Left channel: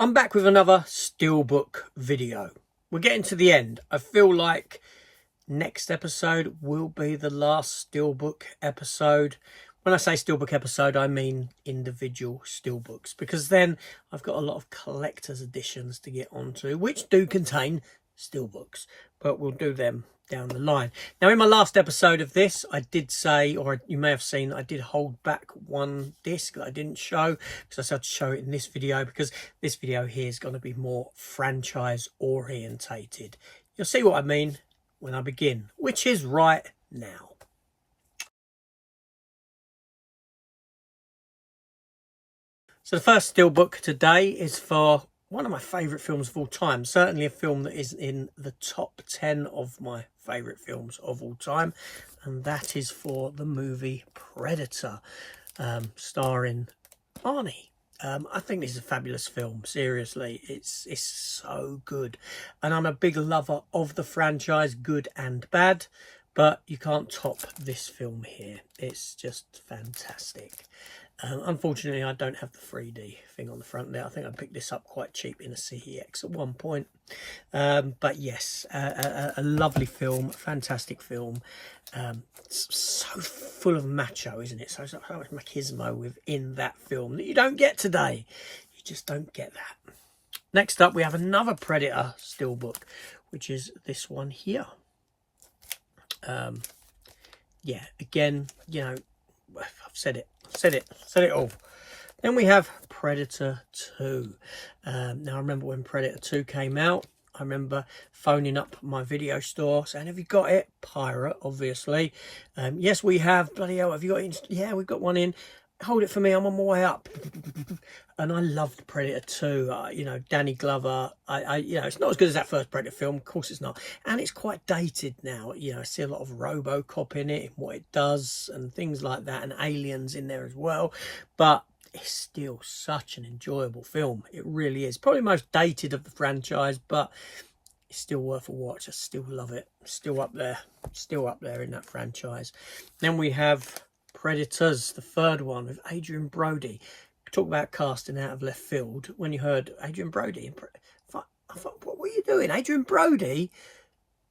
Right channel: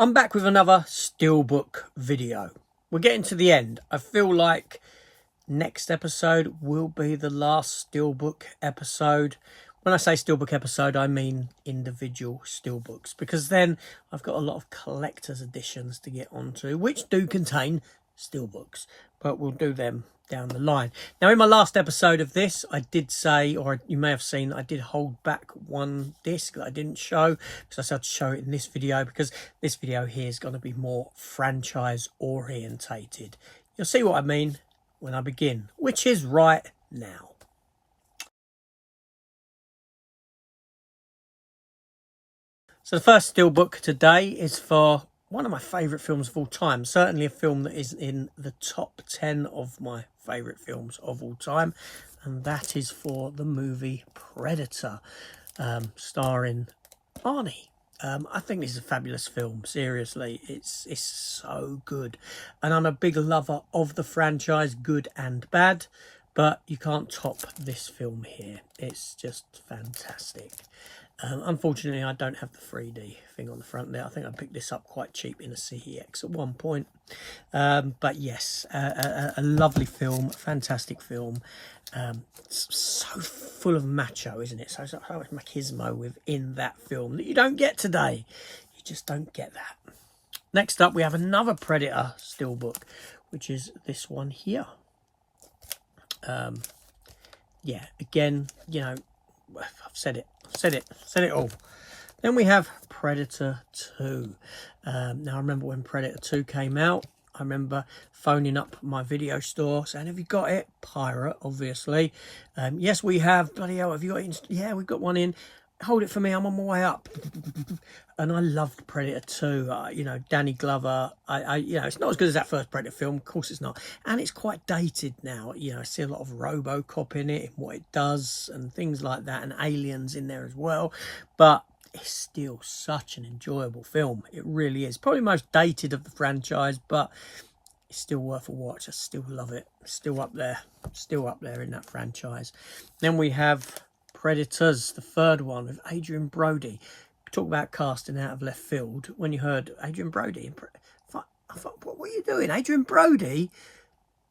I'm back with another Steelbook video. We're getting to the end. I feel like next episode will be the last Steelbook episode. When I say Steelbook episode, I mean individual Steelbooks, because then I've got a lot of collector's editions to get onto, which do contain Steelbooks, but we'll do them down the line. Now, in my last episode of this, I did say, or you may have seen, I did hold back one disc that I didn't show because I said to show it in this video, because this video here is going to be more franchise orientated. You'll see what I mean when I begin, which is right now. So the first Steelbook today is for one of my favourite films of all time. Certainly a film that is in the top 10 of my favourite films of all time. And that is for the movie Predator, starring Arnie. I think this is a fabulous film. Seriously, it's so good. And I'm a big lover of the franchise, good and bad. But you can't top this film here. It's just fantastic. Unfortunately, I don't have the 3D thing on the front there. I think I picked this up quite cheap in a CEX at one point. But yes, a lovely film, fantastic film. It's so full of macho, isn't it? So much machismo within that film that you don't get today. You just don't get that. Next up, we have another Predator Steelbook, which is this one here. Yeah, again, you know, I've said it all. Then we have Predator 2. Now, I remember when Predator 2 came out, I remember phoning up my video store saying, have you got it? Pirate, obviously. Yes, we have. Bloody hell, have you got it? Yeah, we've got one in. Hold it for me, I'm on my way up. And I loved Predator 2. You know, Danny Glover. You know, it's not as good as that first Predator film. Of course it's not. And it's quite dated now. You know, I see a lot of RoboCop in it, and what it does, and things like that, and aliens in there as well. But it's still such an enjoyable film. It really is. Probably most dated of the franchise, but it's still worth a watch. I still love it. Still up there. Still up there in that franchise. Then we have Predators, the third one, with Adrian Brody. Talk about casting out of left field. When you heard Adrian Brody, I thought, what were you doing? Adrian Brody,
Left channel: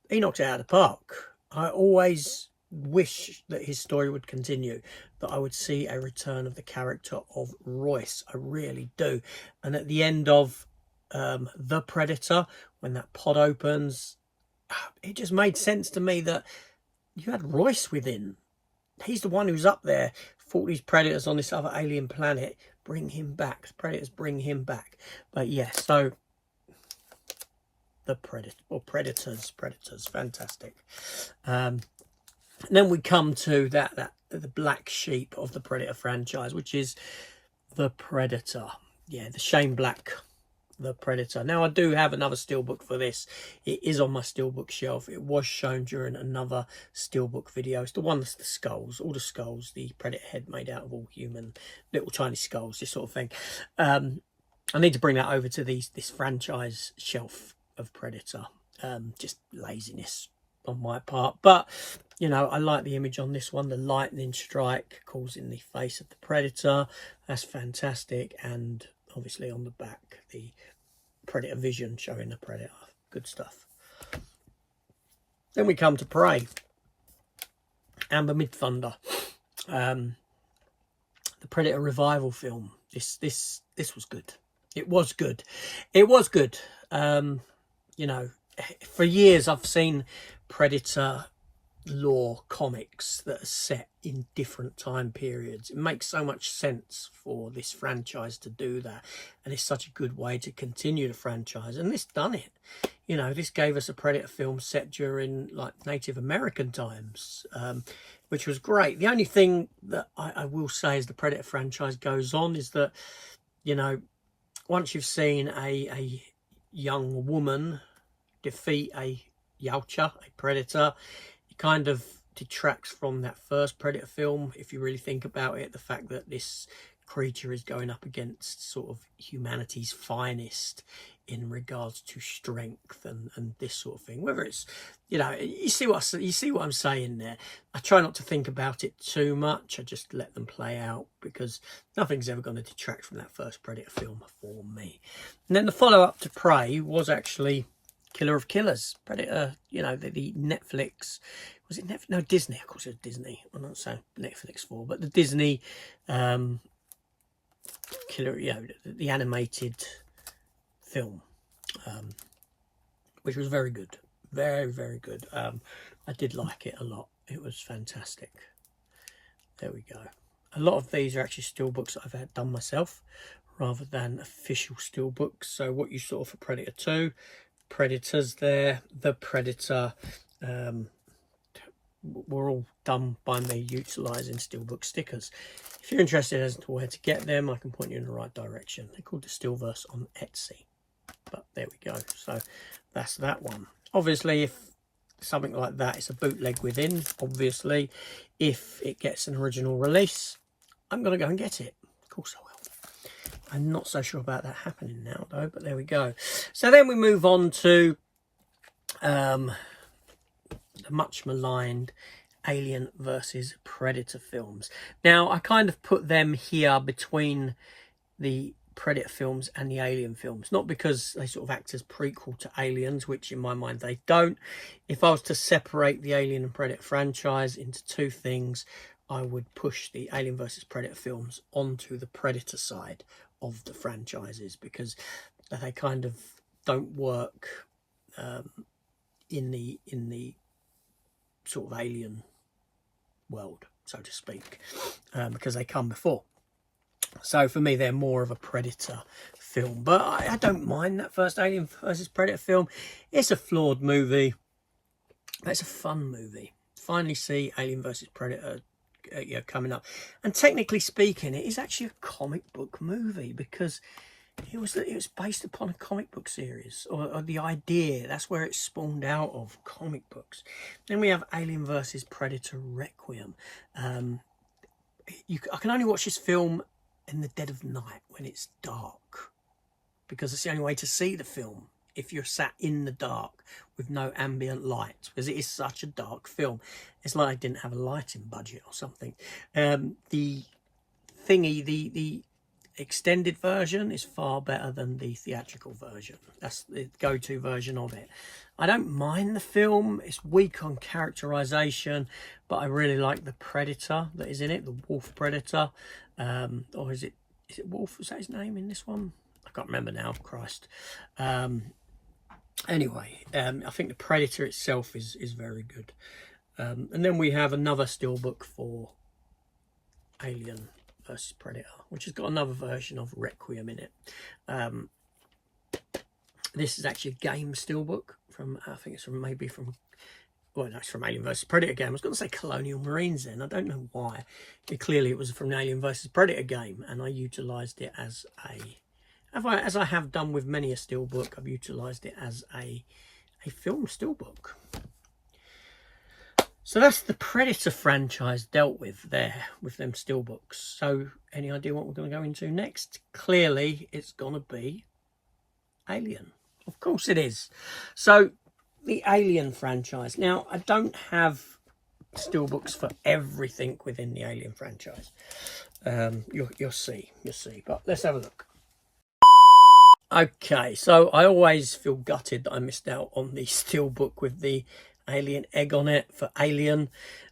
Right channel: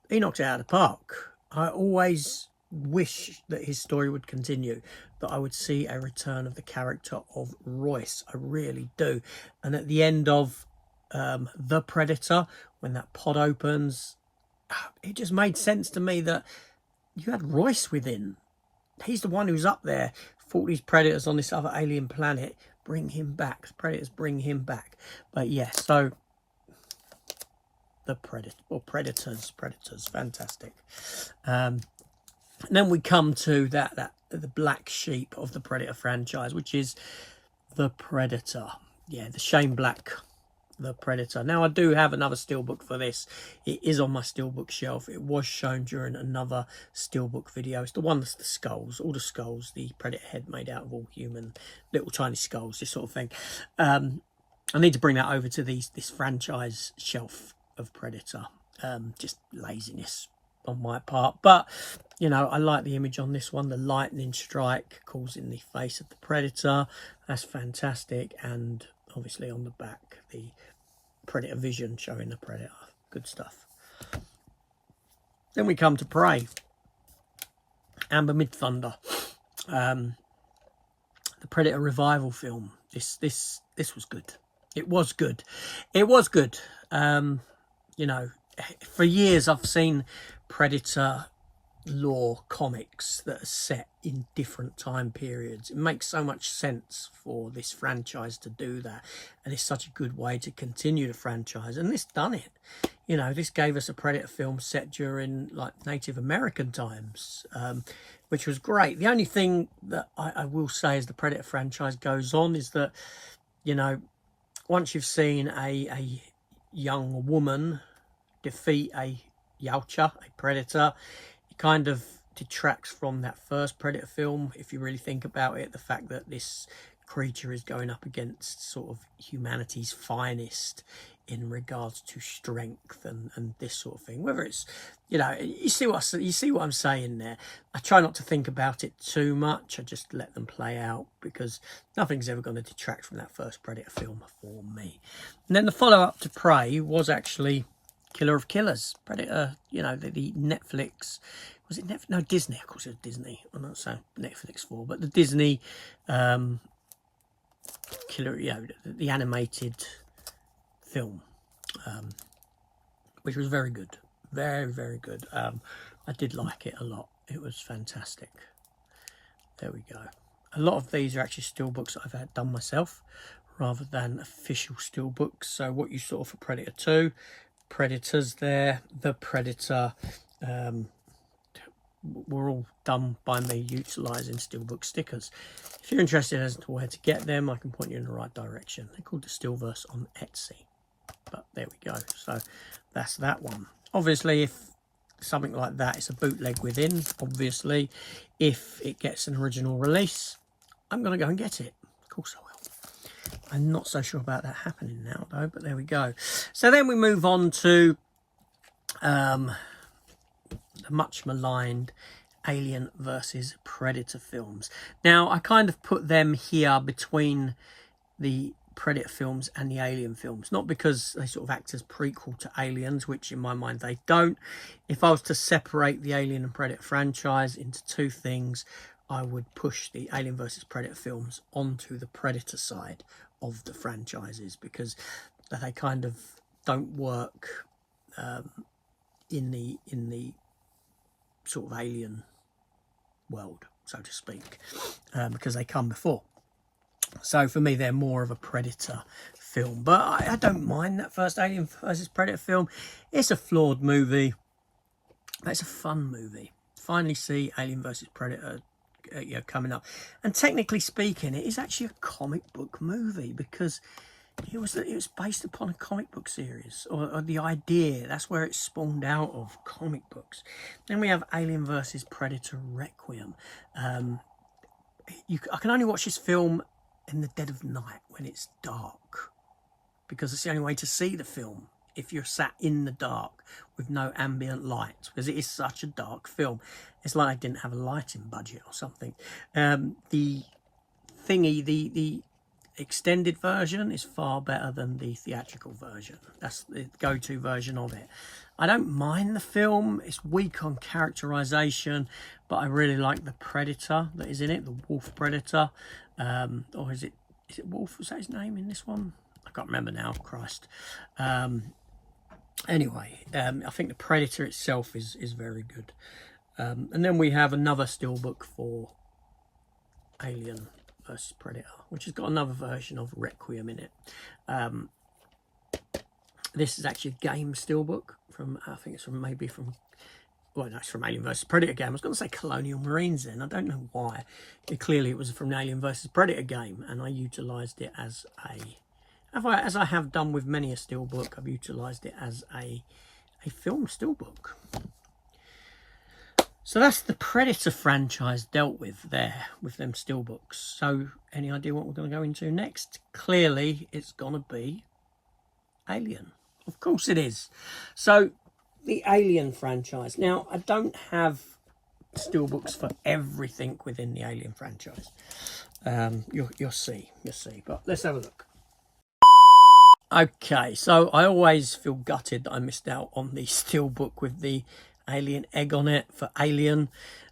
he knocked it out of the park. I always wish that his story would continue, that I would see a return of the character of Royce. I really do. And at the end of The Predator, when that pod opens, it just made sense to me that you had Royce within. He's the one who's up there, fought these predators on this other alien planet. Bring him back. Predators, bring him back. But yeah, so the Predators, fantastic. And then we come to the black sheep of the Predator franchise, which is the Predator. Yeah, the Shane Black, the Predator. Now, I do have another Steelbook for this. It is on my Steelbook shelf. It was shown during another Steelbook video. It's the one that's the skulls, all the skulls, the Predator head made out of all human, little tiny skulls, this sort of thing. I need to bring that over to this franchise shelf of Predator. Just laziness on my part. But, you know, I like the image on this one. The lightning strike causing the face of the Predator. That's fantastic. And obviously on the back, the Predator vision showing the Predator. Good stuff. Then we come to Prey. Amber Midthunder. The Predator revival film. This was good. It was good. It was good. You know, for years I've seen Predator lore comics that are set in different time periods. It makes so much sense for this franchise to do that, and it's such a good way to continue the franchise, and this done it. You know, this gave us a Predator film set during like Native American times, which was great. The only thing that I will say as the Predator franchise goes on is that, you know, once you've seen a young woman defeat a Yautja, a Predator, kind of detracts from that first Predator film, if you really think about it. The fact that this creature is going up against sort of humanity's finest in regards to strength and this sort of thing. Whether it's, you know, you see what I'm saying there. I try not to think about it too much. I just let them play out, because nothing's ever going to detract from that first Predator film for me. And then the follow-up to Prey was actually Killer of Killers. Predator, you know, the Netflix, was it Netflix? No, Disney. Of course it was Disney. I'm not saying Netflix for, but the Disney Killer, you know, the animated film, which was very good. Very, very good. I did like it a lot. It was fantastic. There we go. A lot of these are actually steelbooks that I've had done myself rather than official steelbooks. So what you saw for Predator 2, Predators there, the Predator, were all done by me utilising steelbook stickers. If you're interested as to where to get them, I can point you in the right direction. They're called the Steelverse on Etsy. But there we go. So that's that one. Obviously, if something like that is a bootleg within, obviously, if it gets an original release, I'm going to go and get it. Of course I will. I'm not so sure about that happening now, though, but there we go. So then we move on to the much maligned Alien versus Predator films. Now, I kind of put them here between the Predator films and the Alien films, not because they sort of act as prequel to Aliens, which in my mind they don't. If I was to separate the Alien and Predator franchise into two things, I would push the Alien versus Predator films onto the Predator side of the franchises, because they kind of don't work in the sort of Alien world, so to speak, because they come before. So for me, they're more of a Predator film. But I don't mind that first Alien versus Predator film. It's a flawed movie, but it's a fun movie. Finally see Alien versus Predator coming up. And technically speaking, it is actually a comic book movie, because it was based upon a comic book series, or the idea. That's where it spawned out of, comic books. Then we have Alien versus Predator Requiem. I can only watch this film in the dead of night when it's dark, because it's the only way to see the film, if you're sat in the dark with no ambient light, because it is such a dark film. It's like I didn't have a lighting budget or something. The extended version is far better than the theatrical version. That's the go-to version of it. I don't mind the film. It's weak on characterization, but I really like the Predator that is in it, the Wolf Predator. Or is it Wolf? Was that his name in this one? I can't remember now. Christ. Anyway, I think the Predator itself is very good. And then we have another steelbook for Alien versus Predator, which has got another version of Requiem in it. This is actually a game steelbook from, I think it's from well, no, it's from Alien vs Predator game. I was going to say Colonial Marines then. I don't know why. Clearly it was from an Alien vs Predator game, and I utilised it as as I have done with many a steelbook, I've utilised it as a film steelbook. So that's the Predator franchise dealt with there, with them steelbooks. So any idea what we're going to go into next? Clearly it's going to be Alien. Of course it is. So the Alien franchise. Now, I don't have steelbooks for everything within the Alien franchise. You'll see. But let's have a look. Okay, so I always feel gutted that I missed out on the steelbook with the Alien egg on it for Alien.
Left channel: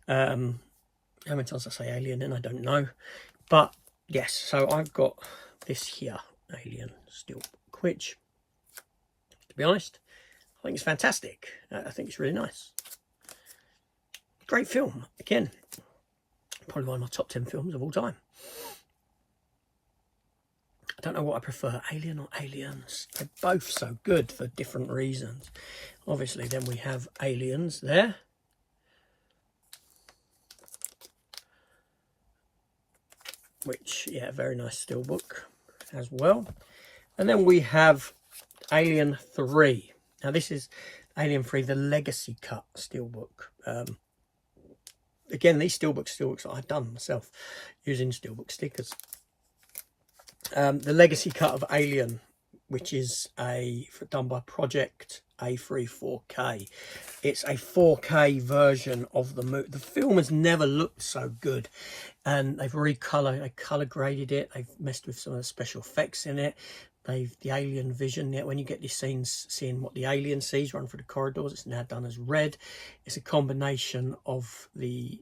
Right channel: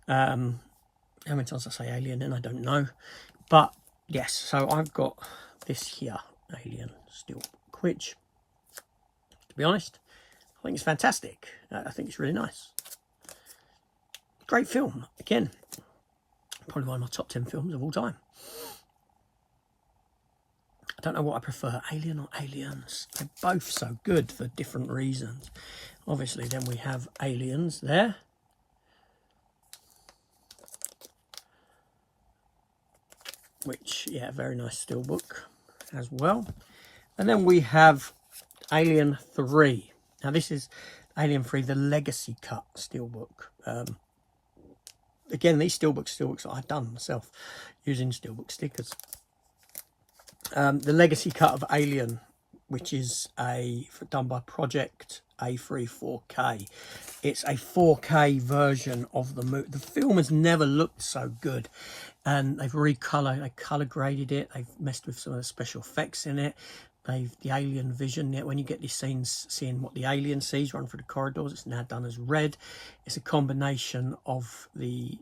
How many times I say Alien then? I don't know. But yes, so I've got this here, Alien steelbook, which, to be honest, I think it's fantastic. I think it's really nice. Great film. Again, probably one of my top 10 films of all time. I don't know what I prefer, Alien or Aliens. They're both so good for different reasons. Obviously, then we have Aliens there. Which, yeah, very nice steelbook as well. And then we have Alien 3. Now, this is Alien 3, the Legacy Cut steelbook. Again, these steelbooks that I've done myself using steelbook stickers. The Legacy Cut of Alien which is done by Project A3 4K. It's a 4K version of the movie. The film has never looked so good, and they've they color graded it. They've messed with some of the special effects in it. The alien vision, when you get these scenes seeing what the alien sees run through the corridors, it's now done as red. It's a combination of the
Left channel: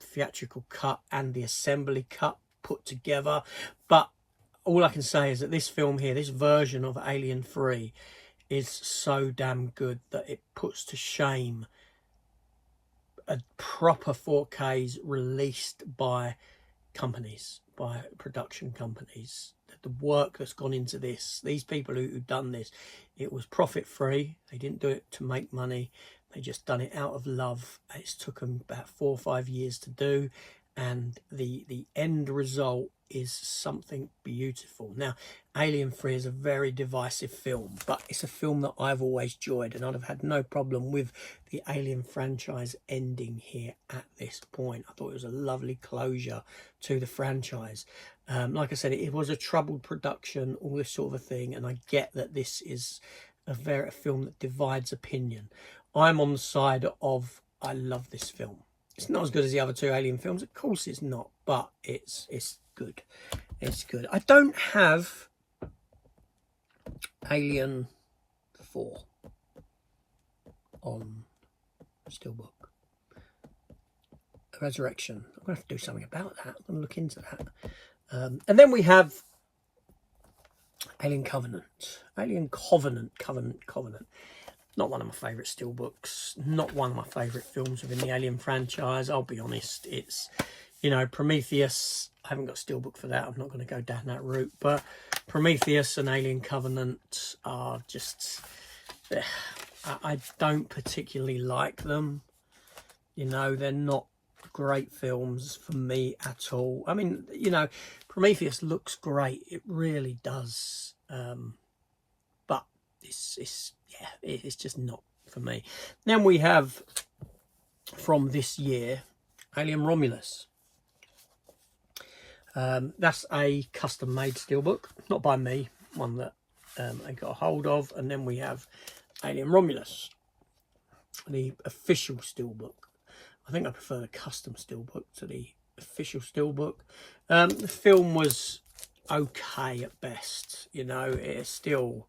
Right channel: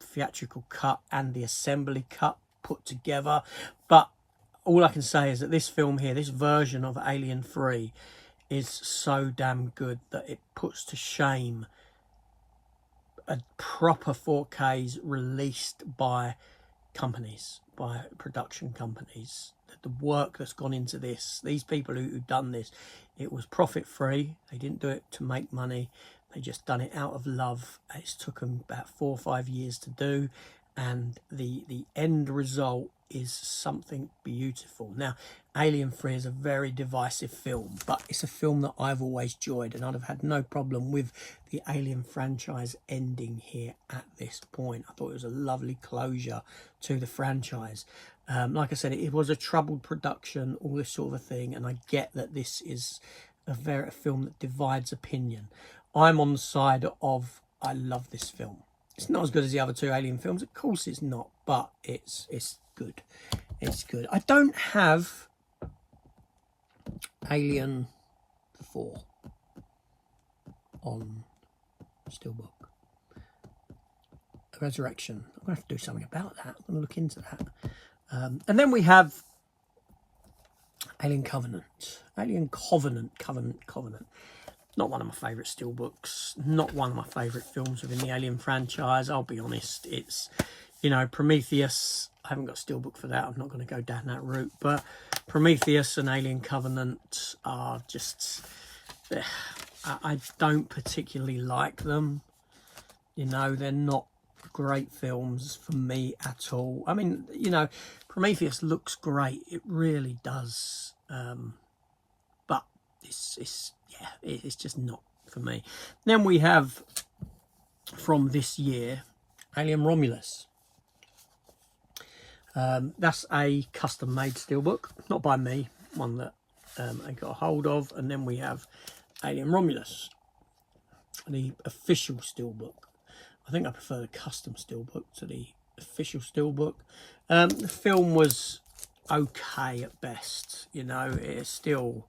theatrical cut and the assembly cut put together. But all I can say is that this film here, this version of Alien 3, is so damn good that it puts to shame a proper 4Ks released by companies, by production companies. The work that's gone into this, these people who've done this, it was profit free. They didn't do it to make money. They just done it out of love. It's took them about 4 or 5 years to do, and the end result is something beautiful. Now, Alien 3 is a very divisive film, but it's a film that I've always enjoyed, and I'd have had no problem with the Alien franchise ending here at this point. I thought it was a lovely closure to the franchise. Like I said, it was a troubled production, all this sort of a thing, and I get that this is a film that divides opinion. I'm on the side of, I love this film. It's not as good as the other 2 Alien films, of course it's not, but it's good. It's good. I don't have Alien 4 on Steelbook. Resurrection. I'm going to have to do something about that. I'm going to look into that. And then we have Alien Covenant. Alien Covenant. Not one of my favourite Steelbooks. Not one of my favourite films within the Alien franchise. I'll be honest. It's, you know, Prometheus. I haven't got Steelbook for that. I'm not going to go down that route. But Prometheus and Alien Covenant are just... I don't particularly like them. You know, they're not great films for me at all. I mean, you know, Prometheus looks great. It really does. But it's just not for me. Then we have, from this year, Alien Romulus. That's a custom-made Steelbook, not by me, one that I got a hold of. And then we have Alien Romulus, the official Steelbook. I think I prefer the custom Steelbook to the official Steelbook. The film was okay at best, you know. It's still...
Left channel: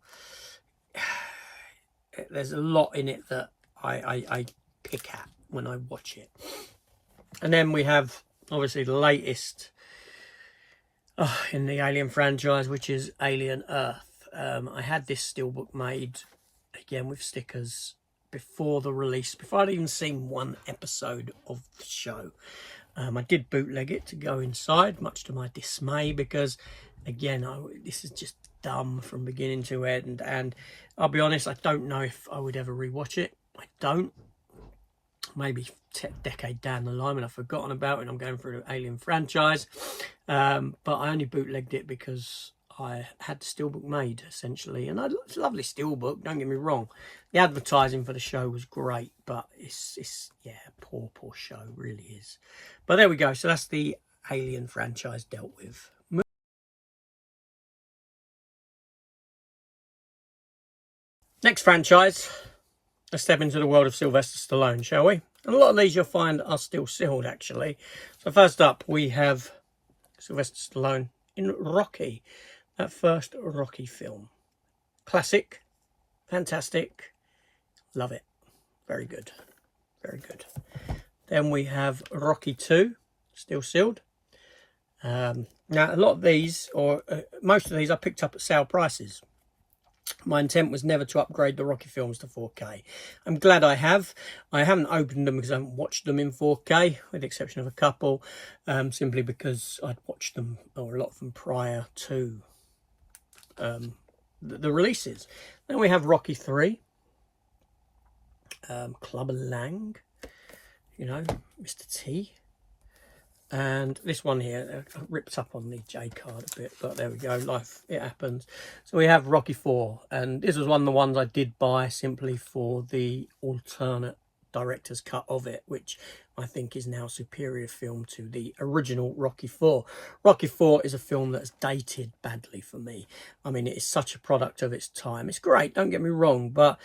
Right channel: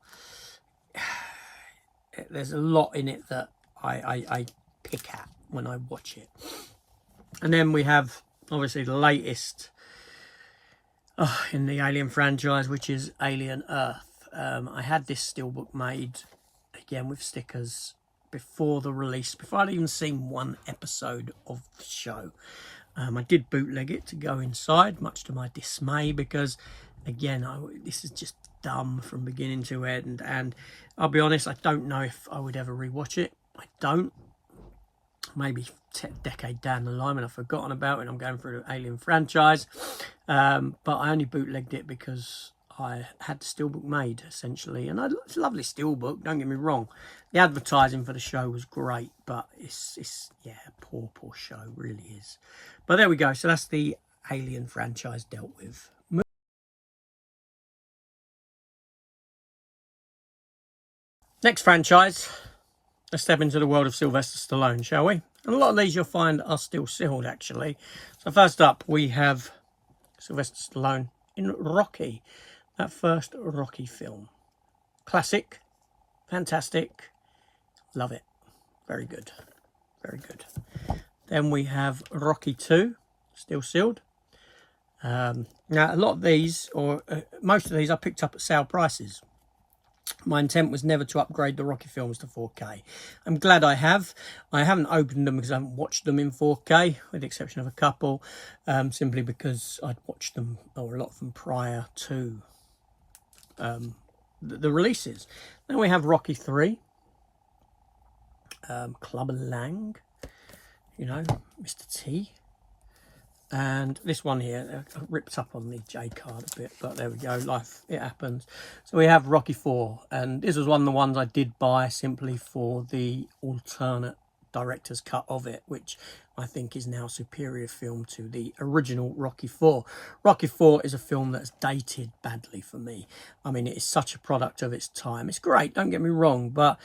There's a lot in it that I pick at when I watch it. And then we have, obviously, the latest in the Alien franchise, which is Alien Earth. I had this Steelbook made, again, with stickers before the release, before I'd even seen one episode of the show. I did bootleg it to go inside, much to my dismay, because, again, this is just dumb from beginning to end. And I'll be honest, I don't know if I would ever rewatch it. I don't. Maybe a decade down the line when I've forgotten about it and I'm going through the Alien franchise. But I only bootlegged it because I had the Steelbook made, essentially. And it's a lovely Steelbook, don't get me wrong. The advertising for the show was great, but it's yeah, poor show, really is. But there we go. So that's the Alien franchise dealt with. Next franchise, let's step into the world of Sylvester Stallone, shall we? And a lot of these you'll find are still sealed, actually. So first up, we have Sylvester Stallone in Rocky, that first Rocky film. Classic, fantastic, love it. Very good, very good. Then we have Rocky 2, still sealed. Now, a lot of these, or most of these, I picked up at sale prices. My intent was never to upgrade the Rocky films to 4K. I'm glad I have. I haven't opened them because I haven't watched them in 4K, with the exception of a couple, simply because I'd watched them, or a lot of them, prior to the releases. Then we have Rocky 3, Clubber Lang, you know, Mr. T. And this one here, ripped up on the J card a bit, but there we go, life, it happens. So we have Rocky 4, and this was one of the ones I did buy simply for the alternate director's cut of it, which I think is now a superior film to the original Rocky 4. Rocky 4 is a film that's dated badly for me. I mean, it is such a product of its time. It's great, don't get me wrong, but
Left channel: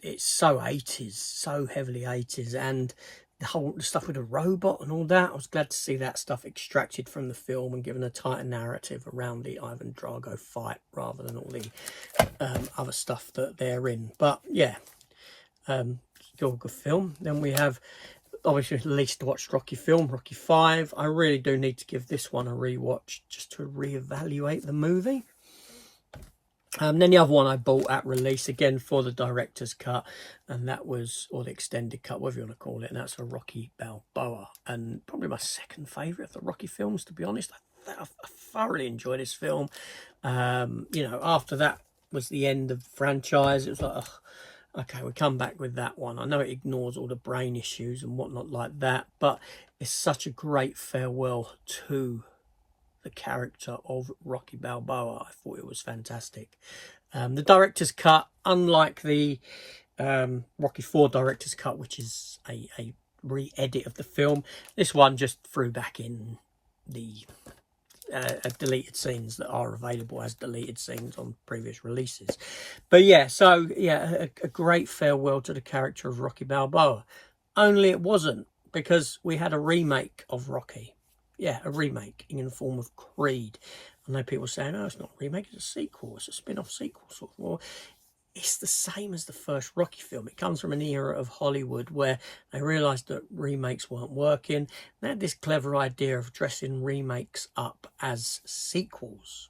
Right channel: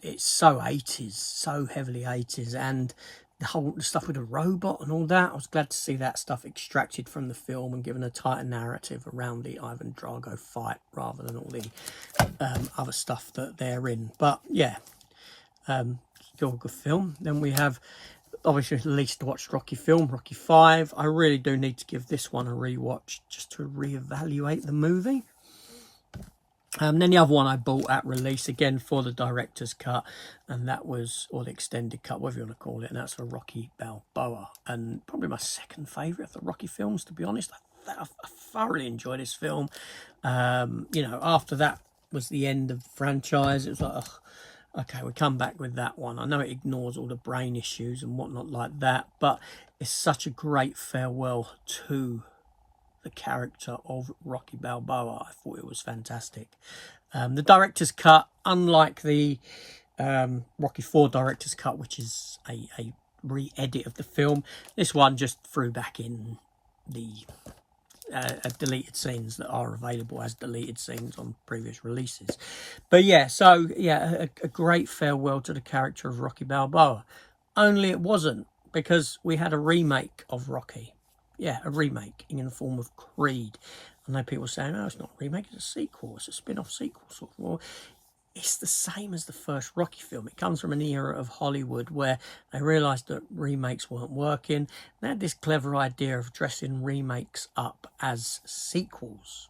it's so 80s, so heavily 80s, and the whole stuff with the robot and all that, I was glad to see that stuff extracted from the film and given a tighter narrative around the Ivan Drago fight rather than all the other stuff that they're in. But yeah, still a good film. Then we have, obviously, the least watched Rocky film, Rocky 5. I really do need to give this one a rewatch just to reevaluate the movie. Then the other one I bought at release, again for the director's cut, and that was, or the extended cut, whatever you want to call it, and that's a Rocky Balboa, and probably my second favourite of the Rocky films, to be honest. I thoroughly enjoyed this film. You know, after that was the end of the franchise. It was like, oh, okay, we come back with that one. I know it ignores all the brain issues and whatnot like that, but it's such a great farewell to the character of Rocky Balboa. I thought it was fantastic. The director's cut, unlike the Rocky 4 director's cut, which is a re-edit of the film, this one just threw back in the deleted scenes that are available as deleted scenes on previous releases. But yeah, so yeah, a great farewell to the character of Rocky Balboa. Only it wasn't, because we had a remake of Rocky. Yeah, a remake in the form of Creed. I know people saying, oh, it's not a remake, it's a sequel, it's a spin-off sequel. Sort of. Well, it's the same as the first Rocky film. It comes from an era of Hollywood where they realised that remakes weren't working. They had this clever idea of dressing remakes up as sequels,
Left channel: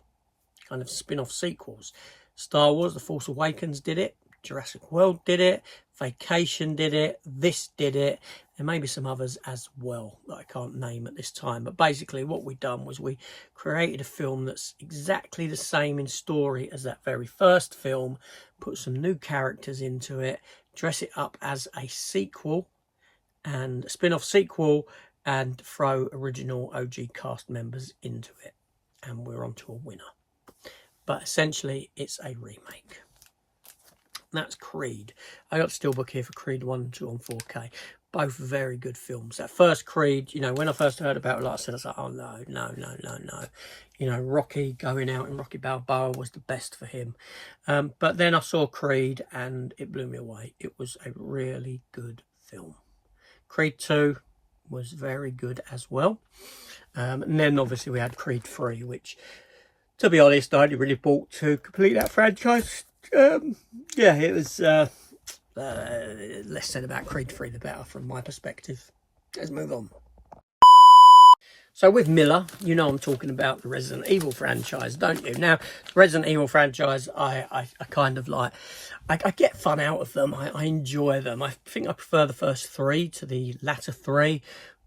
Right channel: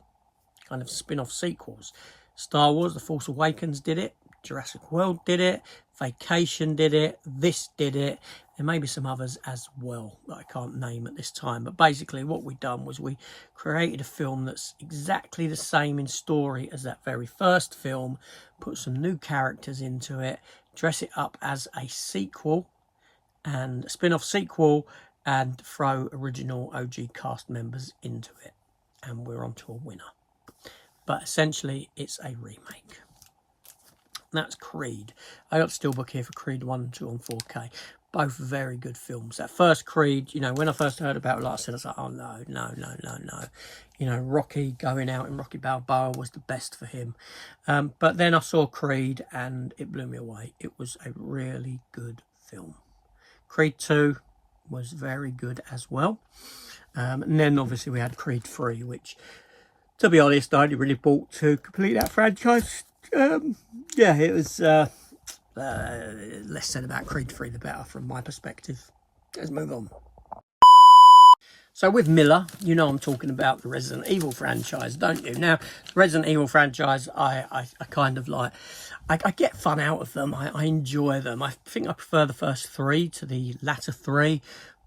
kind of spin-off sequels. Star Wars, The Force Awakens did it. Jurassic World did it. Vacation did it. This did it. There may be some others as well that I can't name at this time. But basically what we done was we created a film that's exactly the same in story as that very first film, put some new characters into it, dress it up as a sequel and a spin-off sequel, and throw original OG cast members into it. And we're on to a winner. But essentially it's a remake. That's Creed. I got Steelbook here for Creed 1 and 2 on 4K. Both very good films. That first Creed, you know, when I first heard about it, like I said, I was like, oh, no. You know, Rocky going out in Rocky Balboa was the best for him. But then I saw Creed and it blew me away. It was a really good film. Creed 2 was very good as well. And then obviously we had Creed 3, which, to be honest, I only really bought to complete that franchise. Yeah, it was less said about Creed 3 the better from my perspective. Let's move on. So with Miller, you know I'm talking about the Resident Evil franchise, don't you? Now, the Resident Evil franchise, I kind of like, I get fun out of them. I enjoy them. I think I prefer the first 3 to the latter 3,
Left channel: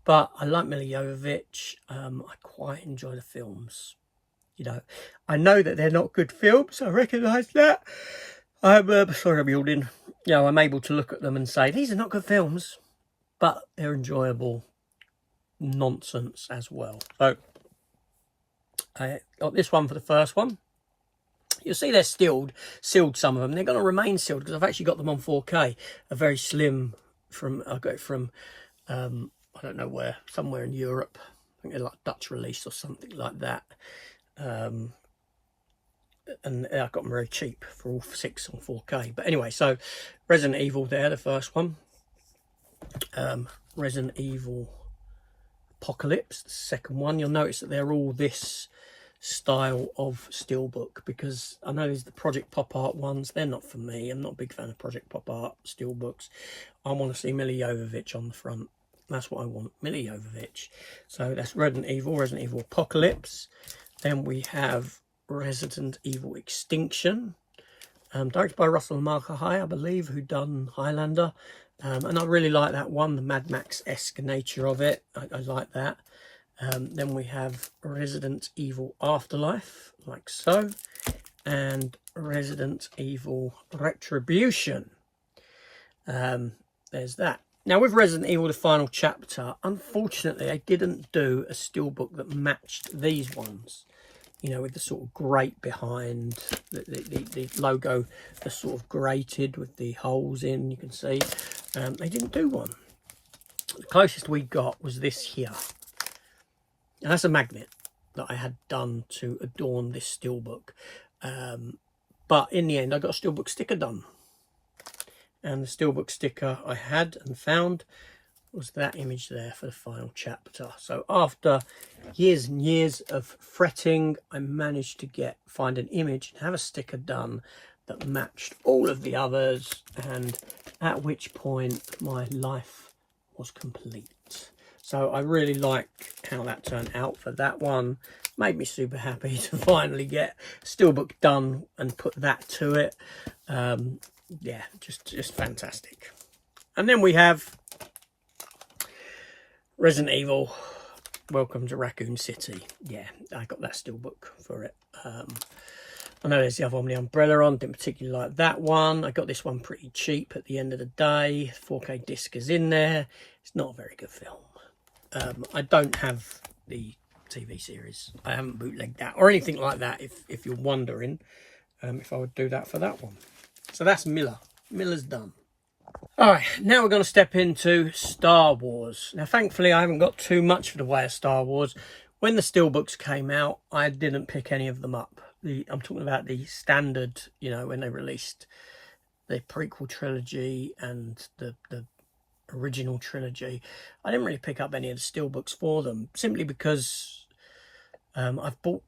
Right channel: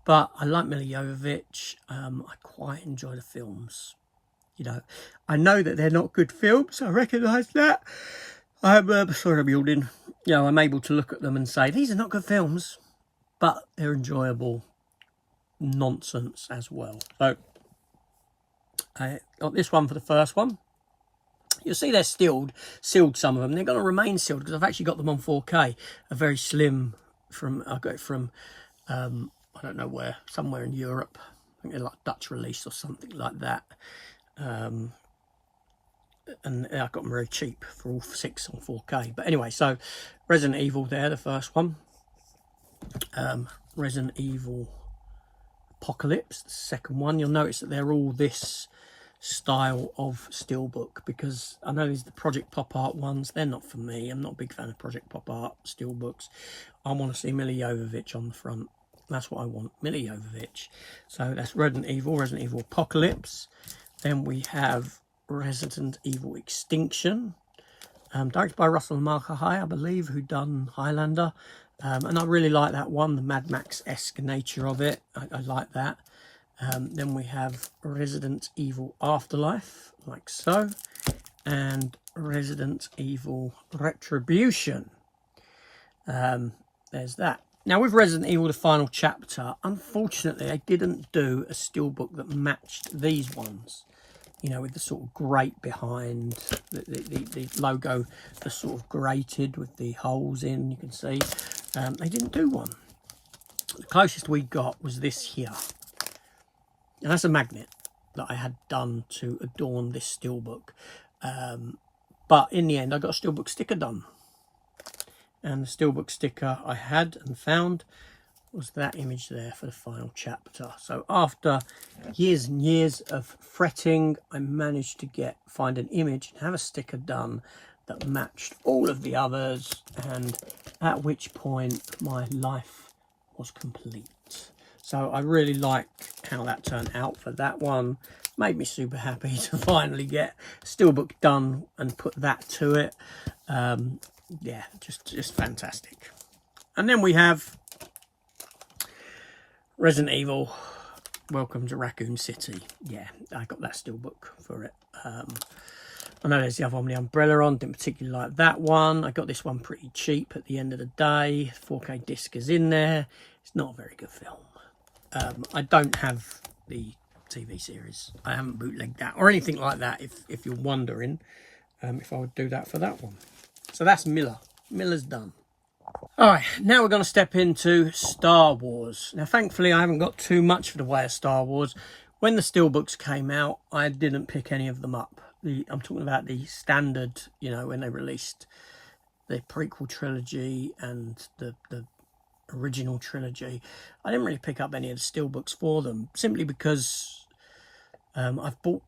but I like Milla Jovovich. I quite enjoy the films. You know, I know that they're not good films. I recognise that. I'm sorry, I'm yawning. You know, I'm able to look at them and say, these are not good films, but they're enjoyable nonsense as well. So, I got this one for the first one. You'll see they're sealed some of them. They're going to remain sealed because I've actually got them on 4K. A very slim, I got it from, I don't know where, somewhere in Europe. I think they're like Dutch release or something like that. And I got them very cheap for all 6 on 4K. But anyway, so Resident Evil there, the first one. Resident Evil Apocalypse, the second one. You'll notice that they're all this style of Steelbook, because I know there's the Project Pop Art ones. They're not for me. I'm not a big fan of Project Pop Art Steelbooks. I want to see Milla Jovovich on the front. That's what I want, Milla Jovovich. So that's Resident Evil Apocalypse. Then we have Resident Evil Extinction, directed by Russell Mulcahy, I believe, who done Highlander. And I really like that one, the Mad Max-esque nature of it. I like that. Then we have Resident Evil Afterlife, like so. And Resident Evil Retribution. There's that. Now, with Resident Evil, the final chapter, unfortunately, I didn't do a Steelbook that matched these ones. you know, with the sort of grate behind, the logo, the sort of grated with the holes in, you can see. They didn't do one. The closest we got was this here. And that's a magnet that I had done to adorn this Steelbook. But in the end, I got a Steelbook sticker done. And the Steelbook sticker I had and found was that image there for the final chapter. So after years and years of fretting, I managed to find an image and have a sticker done that matched all of the others, and at which point my life was complete. So I really like how that turned out for that one. Made me super happy to finally get Steelbook done and put that to it. Yeah, just fantastic. And then we have Resident Evil Welcome to Raccoon City. Yeah, I got that Steelbook for it. I know there's the other one with the umbrella on. Didn't particularly like that one. I got this one pretty cheap at the end of the day. 4K disc is in there. It's not a very good film. I don't have the TV series. I haven't bootlegged that or anything like that, if you're wondering if I would do that for that one. So that's Miller. Miller's done. All right, now we're going to step into Star Wars. Now, thankfully, I haven't got too much for the way of Star Wars. When the Steelbooks came out, I didn't pick any of them up. I'm talking about the standard, you know, when they released the prequel trilogy and the original trilogy. I didn't really pick up any of the Steelbooks for them, simply because I've bought,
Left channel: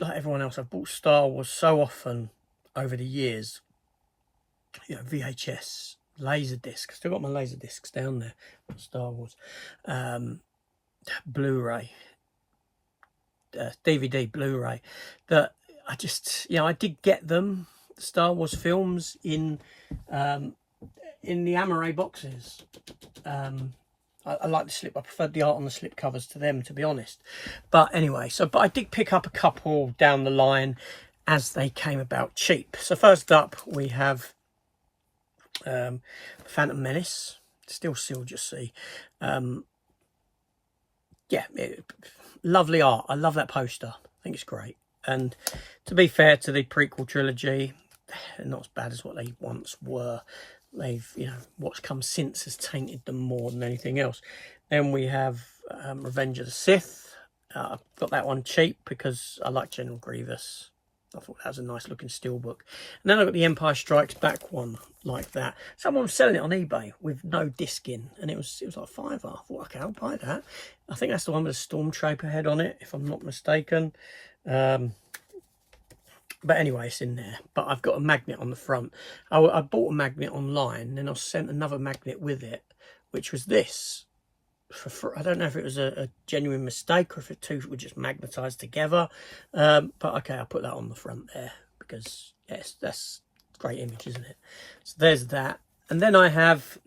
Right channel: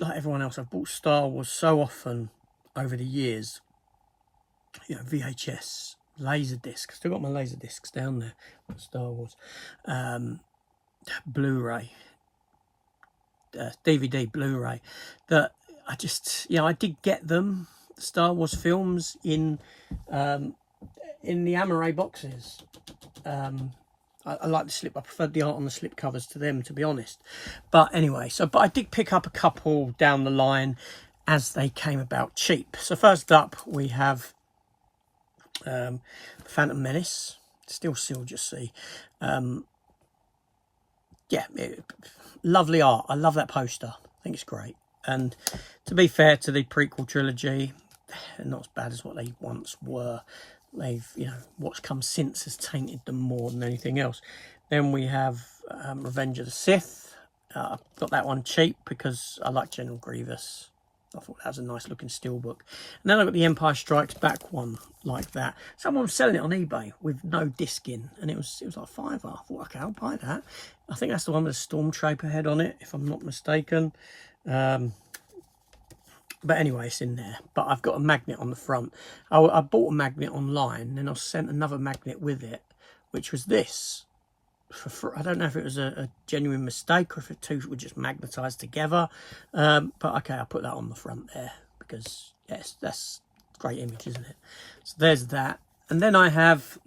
like everyone else, I've bought Star Wars so often over the years. You know, VHS, Laserdisc. Still got my Laserdiscs down there. Star Wars, Blu-ray, DVD, Blu-ray. That I just, you know, I did get them, Star Wars films in the Amaray boxes. I like the slip. I preferred the art on the slip covers to them, to be honest. But anyway, but I did pick up a couple down the line as they came about cheap. So first up, we have Phantom Menace, still sealed, you see. Yeah, lovely art. I love that poster. I think it's great. And to be fair to the prequel trilogy, they're not as bad as what they once were. They've, you know, what's come since has tainted them more than anything else. Then we have Revenge of the Sith. I got that one cheap because I like General Grievous. I thought that was a nice looking Steelbook. And then I got the Empire Strikes Back one like that. Someone was selling it on eBay with no disc in, and it was like £5. I thought, okay, I'll buy that. I think that's the one with a Stormtrooper head on it, if I'm not mistaken. But anyway, it's in there. But I've got a magnet on the front. I bought a magnet online, and I was sent another magnet with it, which was this. I don't know if it was a genuine mistake or if it two were just magnetised together. But okay, I'll put that on the front there because, yes, that's a great image, isn't it? So there's that. And then I have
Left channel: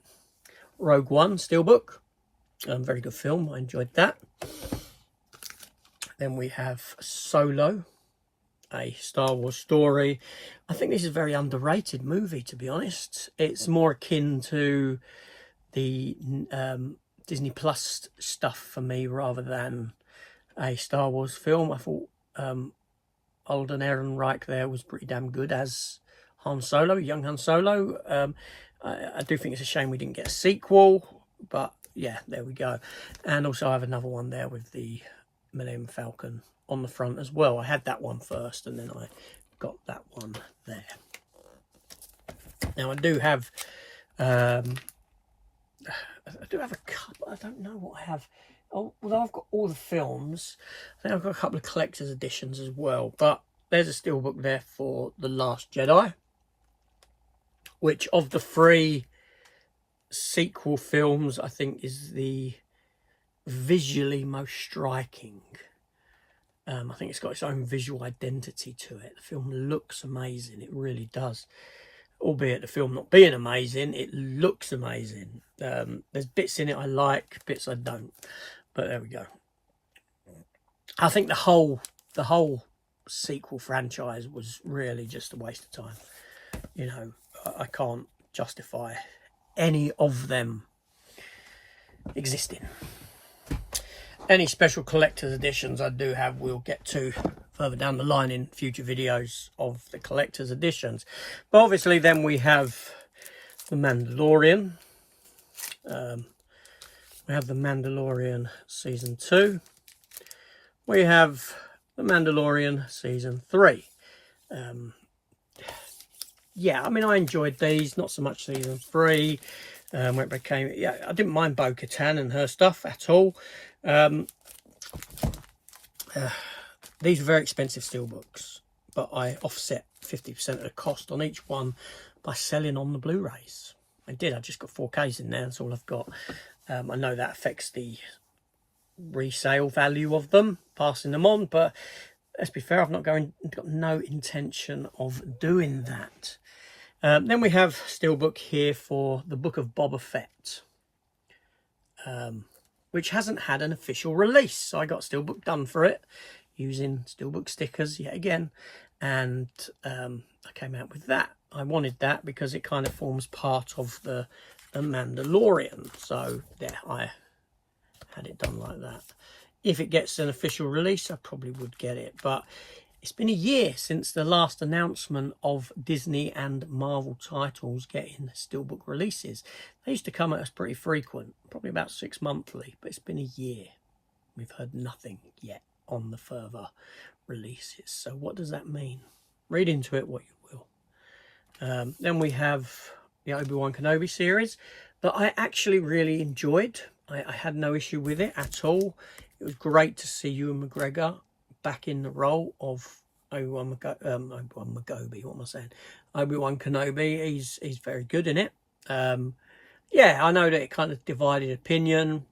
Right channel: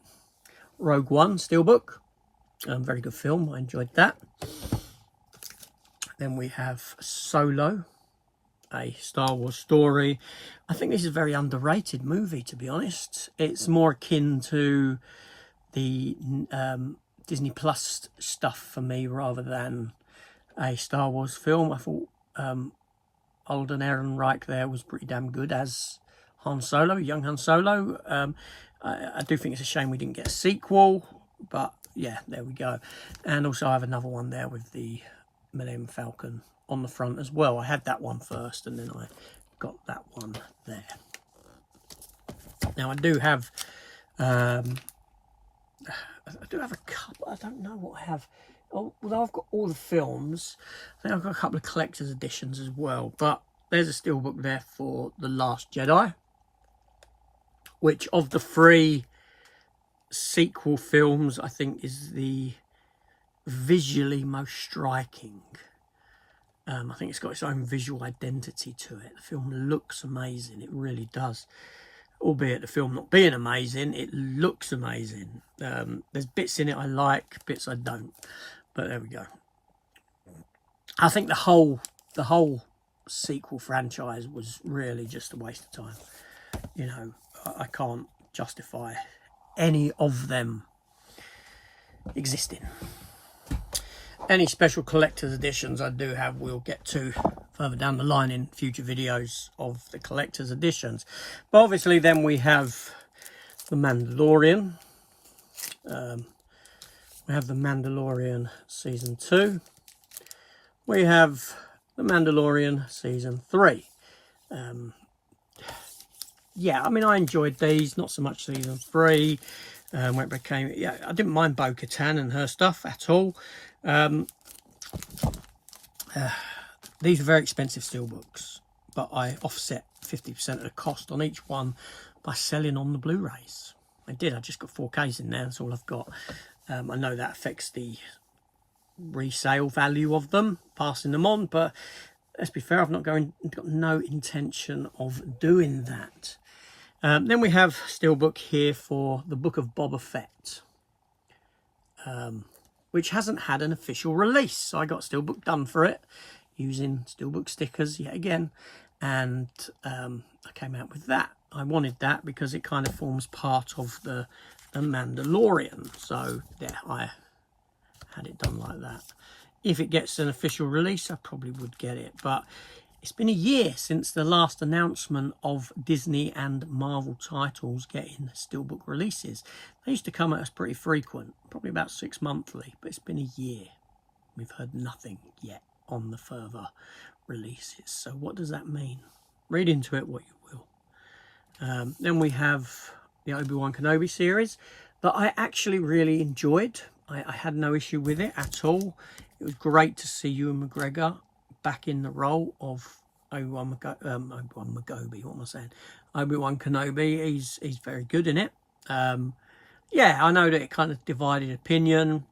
Rogue One Steelbook. Very good film. I enjoyed that. Then we have Solo, a Star Wars story. I think this is a very underrated movie, to be honest. It's more akin to the Disney Plus stuff for me rather than a Star Wars film. I thought Alden Ehrenreich there was pretty damn good as Han Solo, young Han Solo. I do think it's a shame we didn't get a sequel, but yeah, there we go. And also I have another one there with the Millennium Falcon on the front as well. I had that one first and then I got that one there. Now I do have a couple. I don't know what I have. Although I've got all the films, I think I've got a couple of collector's editions as well. But there's a Steelbook there for The Last Jedi, which of the 3 sequel films, I think is the visually most striking. I think it's got its own visual identity to it. The film looks amazing. It really does. Albeit the film not being amazing, it looks amazing. There's bits in it I like, bits I don't. But there we go. I think the whole sequel franchise was really just a waste of time. You know, I can't justify any of them existing. Any special collector's editions I do have, we'll get to further down the line in future videos of the collector's editions. But obviously then we have The Mandalorian. We have The Mandalorian Season 2. We have The Mandalorian Season 3. Yeah, I mean, I enjoyed these, not so much Season 3, where it became, yeah, I didn't mind Bo-Katan and her stuff at all. These are very expensive steelbooks, but I offset 50% of the cost on each one by selling on the Blu-rays. I did, I just got 4Ks in there, that's all I've got. I know that affects the resale value of them, passing them on, but let's be fair, I've got no intention of doing that. Then we have Steelbook here for the Book of Boba Fett, which hasn't had an official release. So I got Steelbook done for it using Steelbook stickers yet again, and I came out with that. I wanted that because it kind of forms part of the Mandalorian. So there, I had it done like that. If it gets an official release, I probably would get it, but it's been a year since the last announcement of Disney and Marvel titles getting Steelbook releases. They used to come at us pretty frequent, probably about 6 monthly, but it's been a year. We've heard nothing yet on the further releases. So what does that mean? Read into it what you will. Then we have the Obi-Wan Kenobi series that I actually really enjoyed. I had no issue with it at all. It was great to see Ewan McGregor back in the role of Obi-Wan Kenobi. He's very good in it. Yeah, I know that it kind of divided opinion.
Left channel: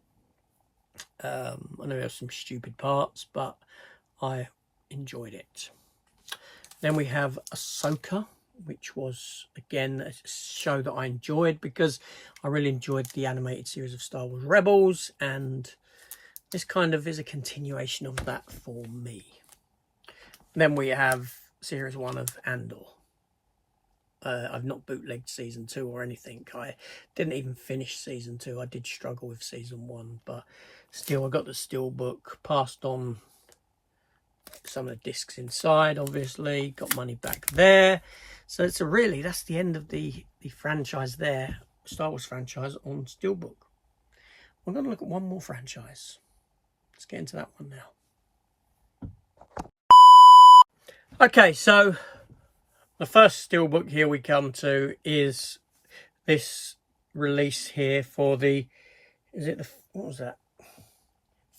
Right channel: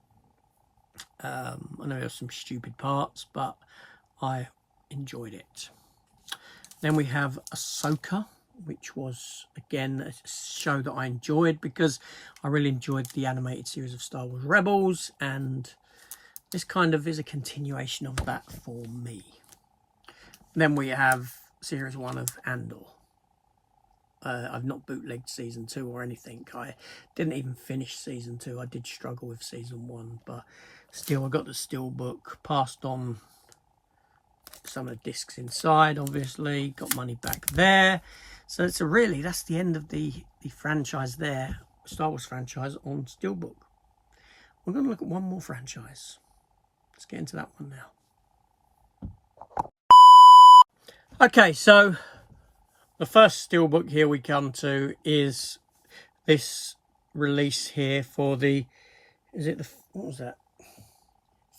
I know there's some stupid parts, but I enjoyed it. Then we have Ahsoka, which was, again, a show that I enjoyed because I really enjoyed the animated series of Star Wars Rebels, and this kind of is a continuation of that for me. Then we have Series 1 of Andor. I've not bootlegged Season 2 or anything. I didn't even finish Season 2. I did struggle with Season 1, but still I got the Steelbook, passed on some of the discs inside, obviously, got money back there. So it's that's the end of the franchise there, Star Wars franchise on Steelbook. We're going to look at one more franchise. Let's get into that one now. Okay, so the first Steelbook here we come to is this release here for the, what was that?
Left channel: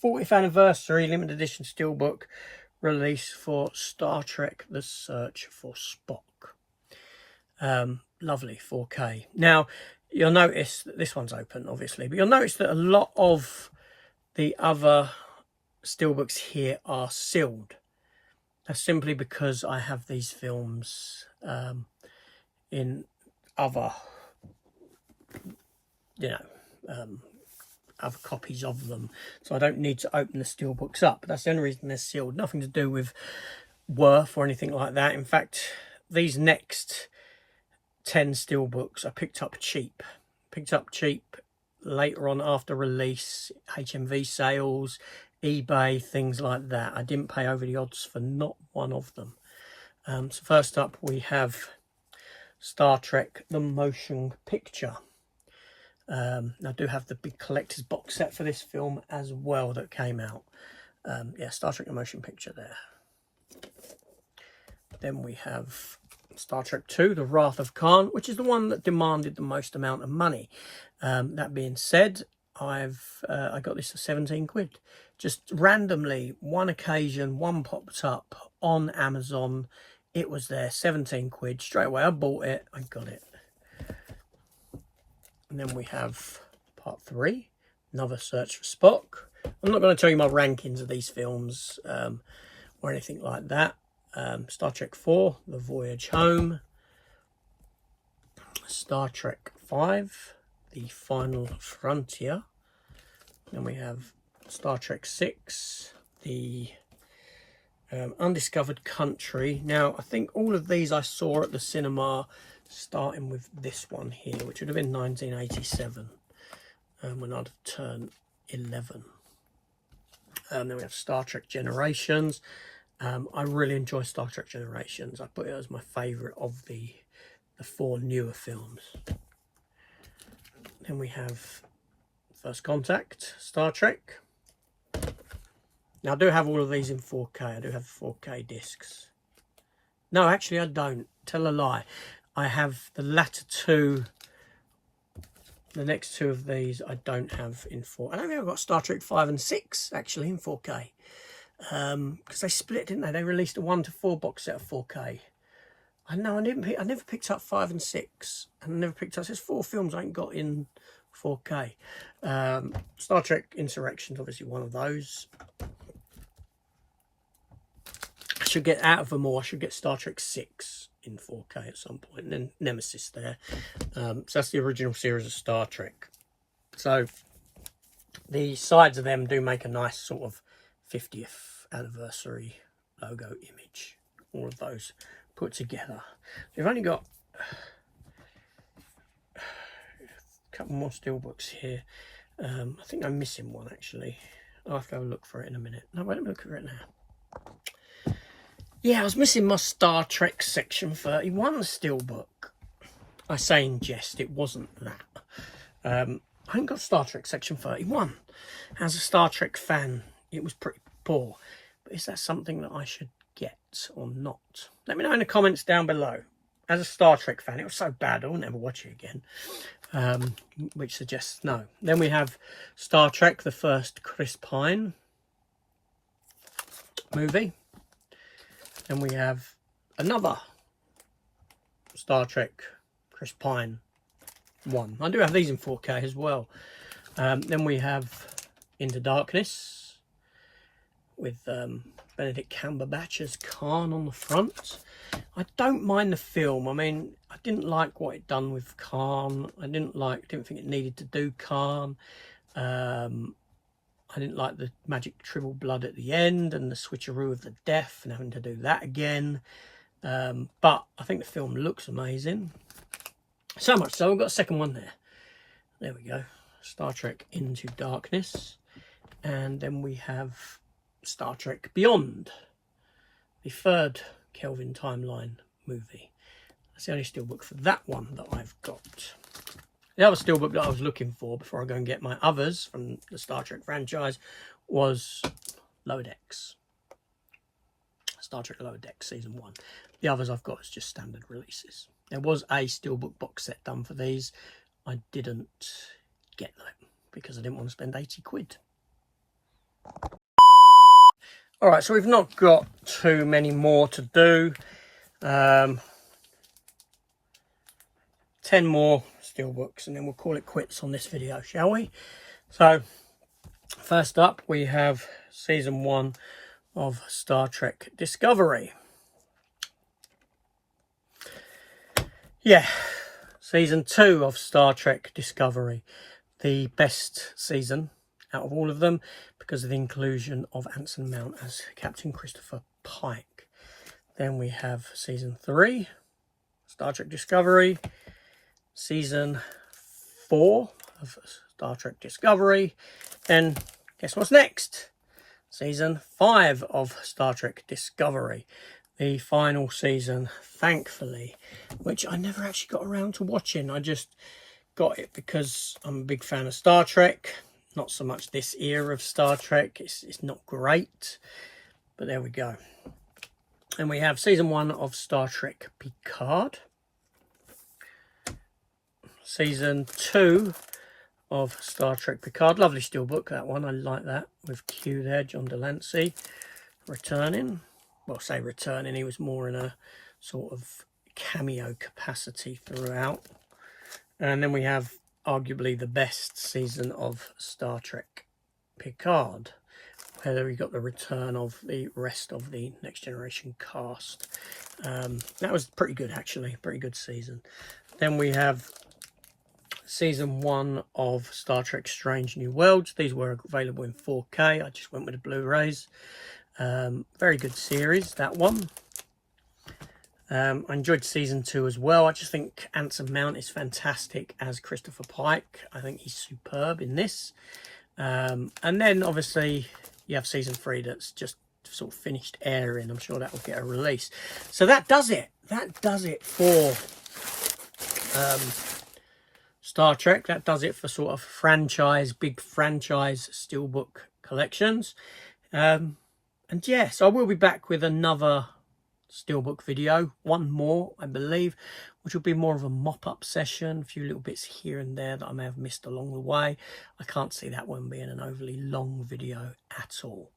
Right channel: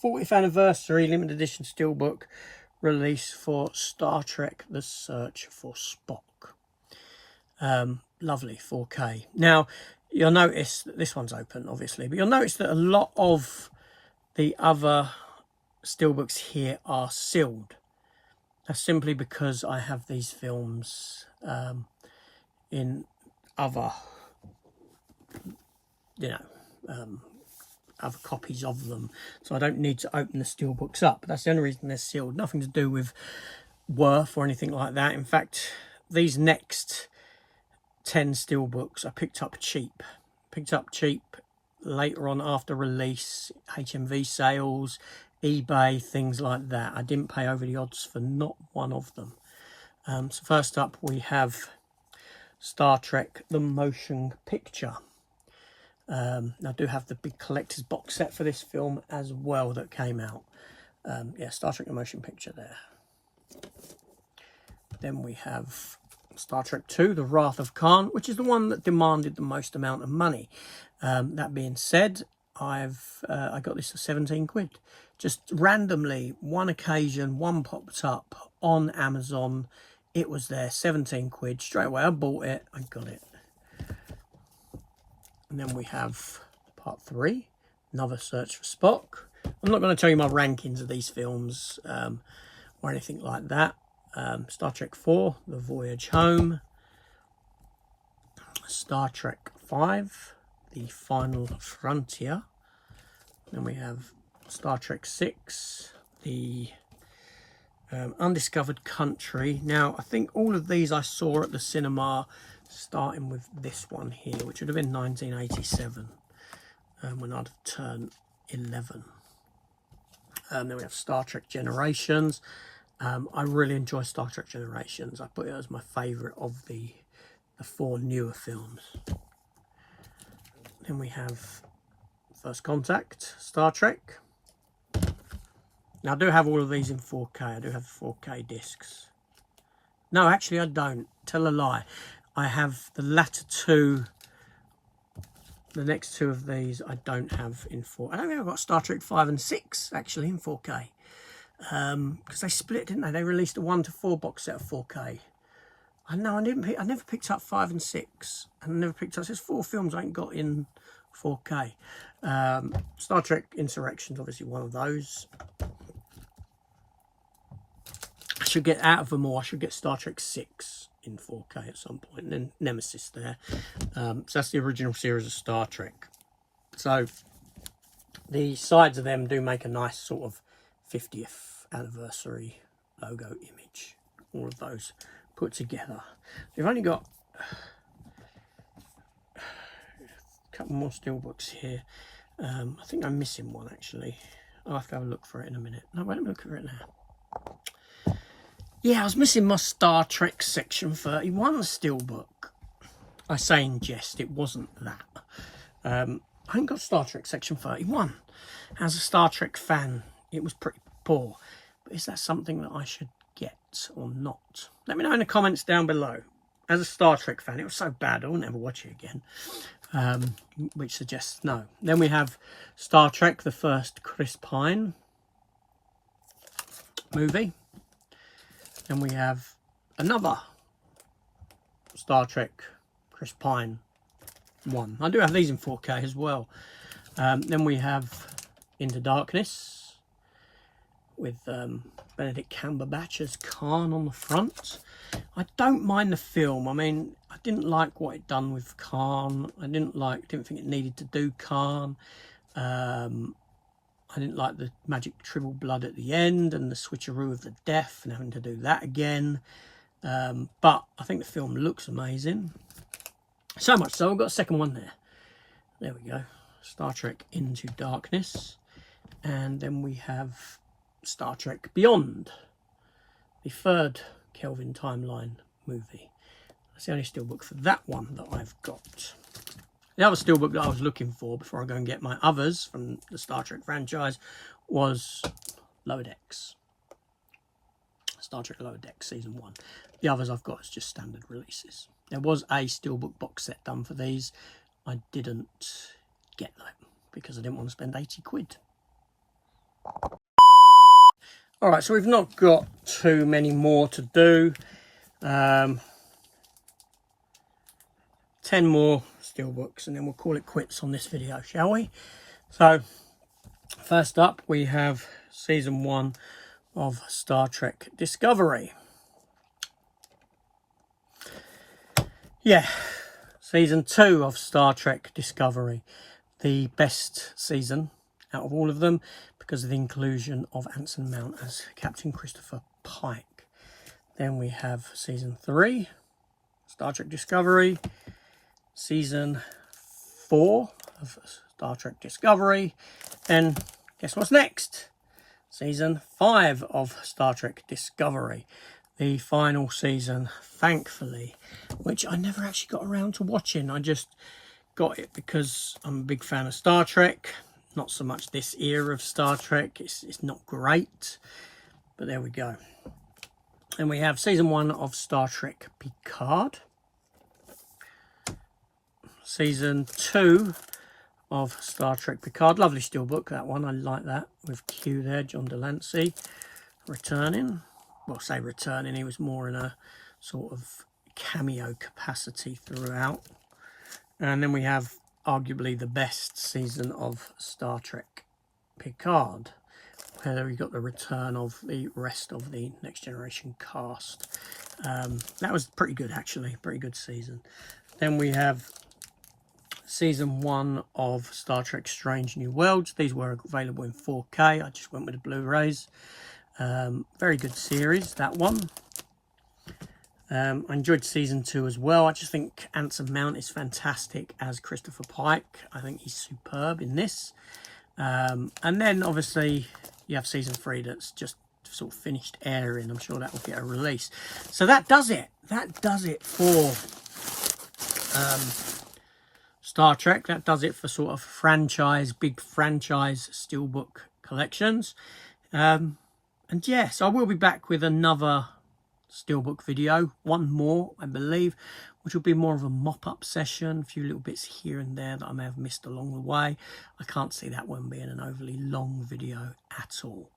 40th anniversary limited edition Steelbook release for Star Trek: The Search for Spock. Lovely 4K. Now, you'll notice that this one's open, obviously, but you'll notice that a lot of the other Steelbooks here are sealed. That's simply because I have these films in other, other copies of them, so I don't need to open the Steelbooks up. That's the only reason they're sealed. Nothing to do with worth or anything like that. In fact, these next 10 Steelbooks I picked up cheap. Later on after release, HMV sales, eBay, things like that. I didn't pay over the odds for not one of them. So first up we have Star Trek: The Motion Picture. I do have the big collector's box set for this film as well that came out. Yeah, Star Trek: The Motion Picture there. Then we have Star Trek II: The Wrath of Khan, which is the one that demanded the most amount of money. That being said, I got this for 17 quid. Just randomly, one occasion, one popped up on Amazon. It was there, 17 quid. Straight away, I bought it. I got it. And then we have part 3, another Search for Spock. I'm not going to tell you my rankings of these films or anything like that. Star Trek 4, The Voyage Home. Star Trek 5, The Final Frontier. Then we have Star Trek 6, The Undiscovered Country. Now, I think all of these I saw at the cinema, starting with this one here, which would have been 1987, when I'd have turned 11. Then we have Star Trek Generations, I really enjoy Star Trek Generations. I put it as my favourite of the 4 newer films. Then we have First Contact, Star Trek. Now, I do have all of these in 4K. I do have 4K discs. No, actually, I don't. Tell a lie. I have the latter 2. The next 2 of these I don't have in 4. I don't think I've got Star Trek 5 and 6, actually, in 4K. Because they split, didn't they? They released a 1 to 4 box set of 4K. I know, I never picked up 5 and 6. And I never picked up... There's 4 films I ain't got in 4K. Star Trek Insurrection's obviously one of those. I should get out of them all. I should get Star Trek 6 in 4K at some point. And then Nemesis there. So that's the original series of Star Trek. So the sides of them do make a nice sort of 50th anniversary logo image. All of those put together. We've only got a couple more Steelbooks here. I think I'm missing one, actually. I'll have to have a look for it in a minute. No, wait, let me look for it now. Yeah, I was missing my Star Trek Section 31 Steelbook. I say in jest, it wasn't that. I haven't got Star Trek Section 31. As a Star Trek fan, it was pretty poor. But is that something that I should get or not? Let me know in the comments down below. As a Star Trek fan, it was so bad I will never watch it again. Which suggests no. Then we have Star Trek, the first Chris Pine movie. Then we have another Star Trek Chris Pine 1. I do have these in 4K as well. Then we have Into Darkness with Benedict Cumberbatch as Khan on the front. I don't mind the film. I mean, I didn't like what it done with Khan. I didn't think it needed to do Khan. I didn't like the magic triple blood at the end and the switcheroo of the death and having to do that again. But I think the film looks amazing. So much so, I've got a second one there. There we go. Star Trek Into Darkness. And then we have Star Trek Beyond, the third Kelvin timeline movie. That's the only steelbook for that one that I've got. The other steelbook that I was looking for before I go and get my others from the Star Trek franchise was Lower Decks. Star Trek Lower Decks Season 1. The others I've got is just standard releases. There was a steelbook box set done for these. I didn't get that because I didn't want to spend 80 quid. Alright, so we've not got too many more to do. 10 more steelbooks and then we'll call it quits on this video, shall we? So first up we have Season 1 of Star Trek Discovery. Yeah, Season 2 of Star Trek Discovery, the best season out of all of them because of the inclusion of Anson Mount as Captain Christopher Pike. Then we have Season 3, Star Trek Discovery, Season 4 of Star Trek Discovery. Then guess what's next? Season 5 of Star Trek Discovery. The final season, thankfully, which I never actually got around to watching. I just got it because I'm a big fan of Star Trek. Not so much this era of Star Trek. It's not great, but there we go. And we have Season 1 of Star Trek Picard. Season 2 of Star Trek Picard. Lovely steelbook, that one. I like that. With Q there, John Delancey, returning. Well, say returning. He was more in a sort of cameo capacity throughout. And then we have arguably the best season of Star Trek Picard, where we got the return of the rest of the Next Generation cast. That was pretty good, actually. Pretty good season. Then we have Season 1 of Star Trek Strange New Worlds. These were available in 4K. I just went with the Blu-rays. Very good series, that one. I enjoyed Season 2 as well. I just think Anson Mount is fantastic as Christopher Pike. I think he's superb in this. And then, obviously, you have Season 3 that's just sort of finished airing. I'm sure that will get a release. So that does it. That does it for Star Trek. That does it for sort of big franchise Steelbook collections. And yes, I will be back with another Steelbook video, one more I believe, which will be more of a mop-up session, a few little bits here and there that I may have missed along the way. I can't see that one being an overly long video at all,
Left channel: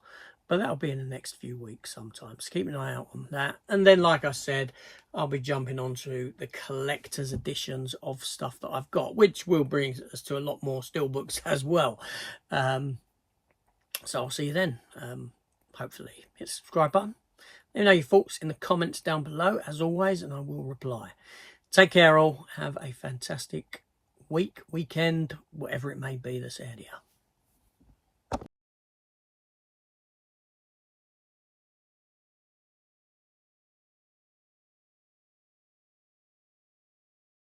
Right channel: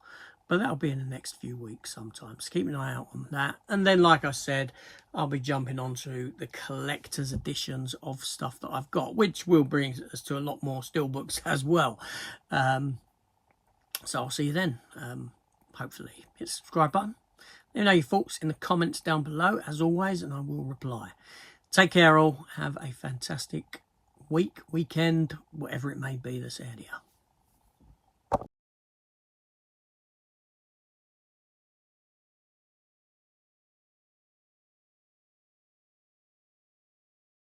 but that'll be in the next few weeks sometimes. Keep an eye out on that. And then, like I said, I'll be jumping onto the collector's editions of stuff that I've got, which will bring us to a lot more Steelbooks as well. So I'll see you then. Hopefully hit the subscribe button. Let me know your thoughts in the comments down below, as always, and I will reply. Take care all. Have a fantastic week, weekend, whatever it may be that's ahead of you.